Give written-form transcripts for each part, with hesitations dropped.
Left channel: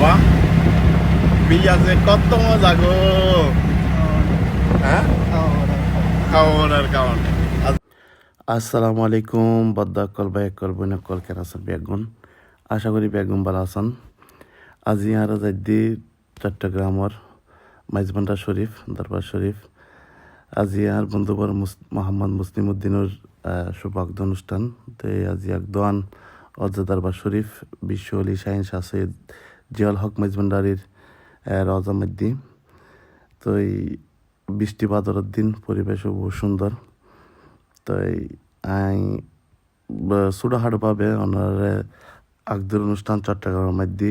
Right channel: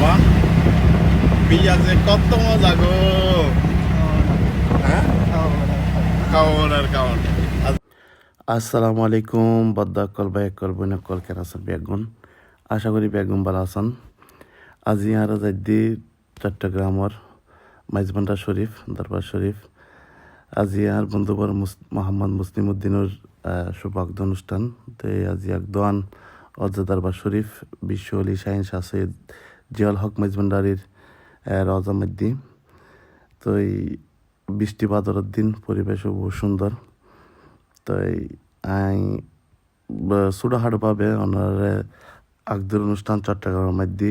বাবা বিয়া যে কত মজা গো। হ্যাঁ খাওয়ান আর খাওয়ান। আসসালামু আলাইকুম বদ্দাকল বাইকল বইনকল কেরাসল বেগুন। আশা করি বেগুন ভালো আছেন। আজি আর যাইদি চট্টগ্রামের মাইজবান্ডা শরীফ দরবার শরীফ। আজি আর বন্ধুবর মোহাম্মদ মুসলিম উদ্দিনের সৌভাগ্য অনুষ্ঠান। তো আজি এক দোয়ান অজা দরবার শরীফ বিশ্ব অলি শাহিন শাহ সৈয়দ জিয়াউল হক মাইজবান্ডারির রজা মধ্যে। তো এই বৃষ্টি বাদরের দিন পরিবেশও বহু সুন্দর। তো আই ছোটোখাটোভাবে ওনার আগদের অনুষ্ঠান চট্টগ্রামের মধ্যে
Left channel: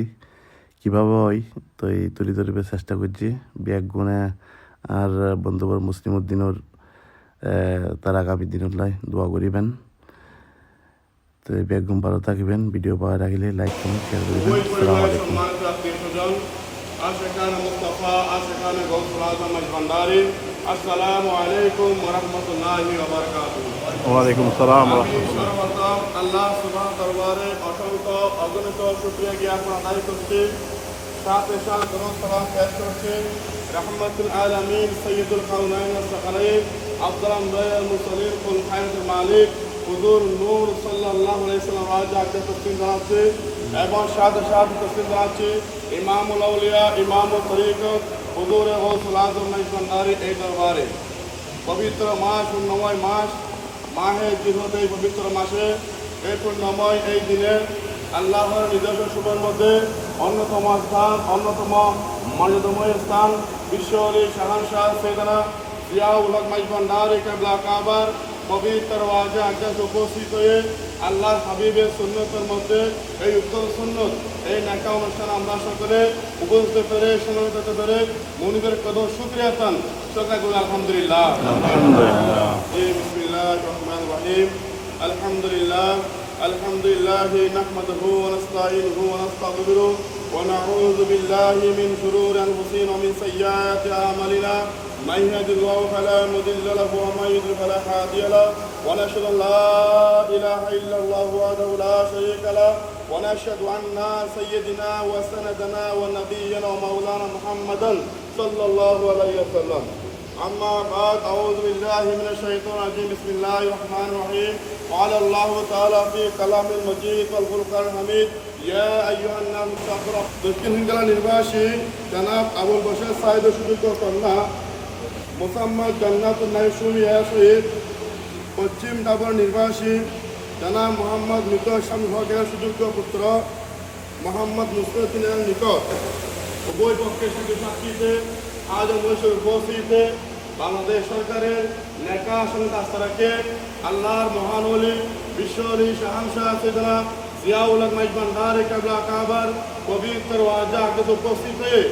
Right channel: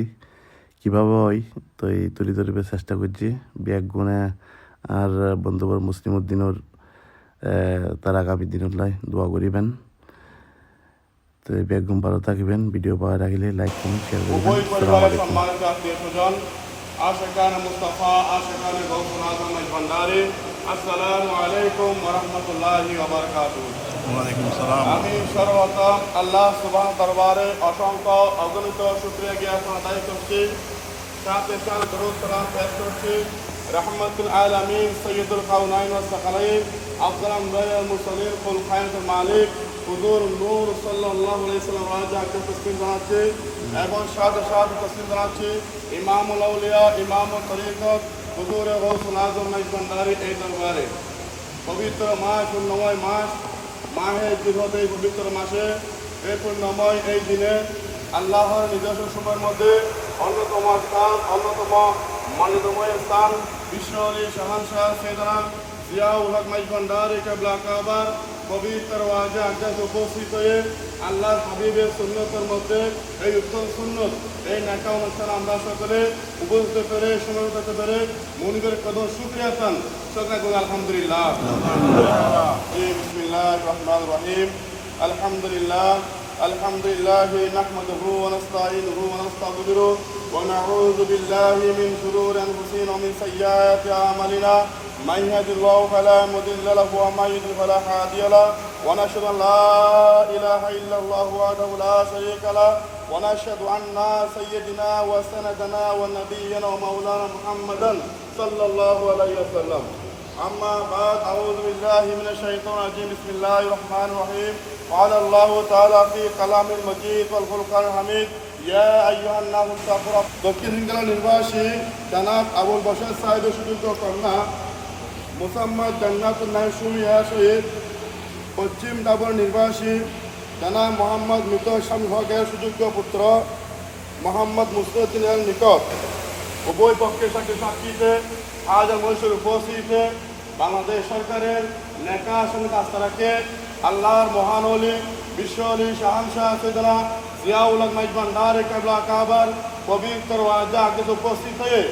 কীভাবে হয় তো এই তুলি ধরিবে চেষ্টা করছি। ব্যাগ গুণে আর বন্ধুবর মুসলিম উদ্দিনের তার আগামী দিনলাই দোয়া করিবেন। তো এই ব্যাগ গুণ ভালো থাকবেন। ভিডিও পাওয়া রাখলে লাইক কমেন্ট শেয়ার করবেন। আসসালামু আলাইকুম। आशिकान मुस्तफ़ा आशिकान गौसुल आज़म भंडारी अस्सलामु अलैकुम व रहमतुल्लाहि व बारकातुहू। ওয়ালাইকুম আসসালাম। আমি সর্বপ্রথম আল্লাহ সুবহান দরবারে অসংখ্য অগণিত শুকরিয়া জ্ঞাপন আদায় করছি। সাথে সাথে দরুদ সালাম পেশ করছি রহমাতুল আলামিন সৈয়দুল কাউনাইন ওয়াস সাকালাইন আফজাল আম্বিয়াল মুরসালিন কুল খায়রুল মালিক হুজুর নূর সাল্লাল্লাহু আলাইহি ওয়াসাল্লাম আজকে তসলিম জানাচ্ছি এবং সাথে সাথে তসলিম জানাচ্ছি ইমামুল আউলিয়া ইমামুল তরিকত হুজুর গৌসুল আজম মাইজবান্ডারি এই দরবারে। পবিত্র মাস পুণ্যময় মাস মাহে জিলহজ, এই পবিত্র মাসে এই পুণ্যময় এই দিনে আল্লাহর নিজস্ব শুভের মধ্যে অন্যতম স্থান, অন্যতম মানিকময় স্থান বিশ্ব অলি শাহানশাহ সৈয়দনা জিয়াউল হক মাইজবান্ডারি কিবলা কাবার পবিত্র ওয়াজে আকদাস উপস্থিত হয়ে আল্লাহর হাবিবের সুন্নতের মধ্যে এই উত্তম সুন্নত এই নেকা অনুষ্ঠান আমরা সকলে উপস্থিত পেরে সমবেত হতে পেরে মনিবের কদম শুকরিয়া চান। সকলে বলে আলহামদুলিল্লাহ। বিসমিল্লাহির রহমানির রহিম। আলহামদুলিল্লাহ আলহামদুলিল্লাহি নাহমাদুহু ওয়া নাস্তাঈনুহু ওয়া নাস্তাগফিরুহু ওয়া নাউযু বিল্লাহি মিন শুরুরি আনফুসিনা ওয়া মিন সাইয়্যাতি আ'মালিনা। من يهد الله فلا مضل له ومن يضلل فلا هادي له ونشهد ان لا اله الا الله وحده لا شريك له ونشهد ان سيدنا وسندنا ونبينا ومولانا محمدا صلى الله عليه وسلم. اما بعد اعوذ بالله من الشيطان الرجيم. بسم الله الرحمن الرحيم. قال الله تعالى في كلام المجيد والفرقان الحميد يا ايها الناس اتقوا ربكم. দক্ষিণ হিঙ্গলা নির্বাসী জনাব আবুল বশর সাহেবের সুযোগ্য কন্যা মোসাম্মদ জান্নাতুন নাইম সুমিয়া শহীদ পশ্চিম ডাবর নির্বাসী জনাব মোহাম্মদ মৃত শামীম হকের সুযোগ্য পুত্র মোহাম্মদ মুস্তাকিনের নিকট উভয় পক্ষের সাথে সাক্ষীতে আজ মৈশোর উপস্থিতিতে বাংলাদেশ সরকারের নেকা সঙ্গে আস্থা রাখে আল্লাহর মহান অলি বিশ্ব অলি শাহানশাহ সৈয়দনা জিয়াউল হক মাইজবান্ডারি কিবলা কাবার পবিত্র ওয়াজে আকদাস উপস্থিত হয়ে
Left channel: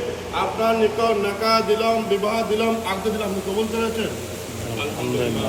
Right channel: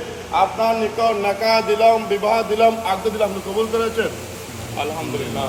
আপনার নিকট নেকা দিলাম, বিবাহ দিলাম, আকদ দিলাম, আপনি কবুল করেছেন আলহামদুলিল্লাহ।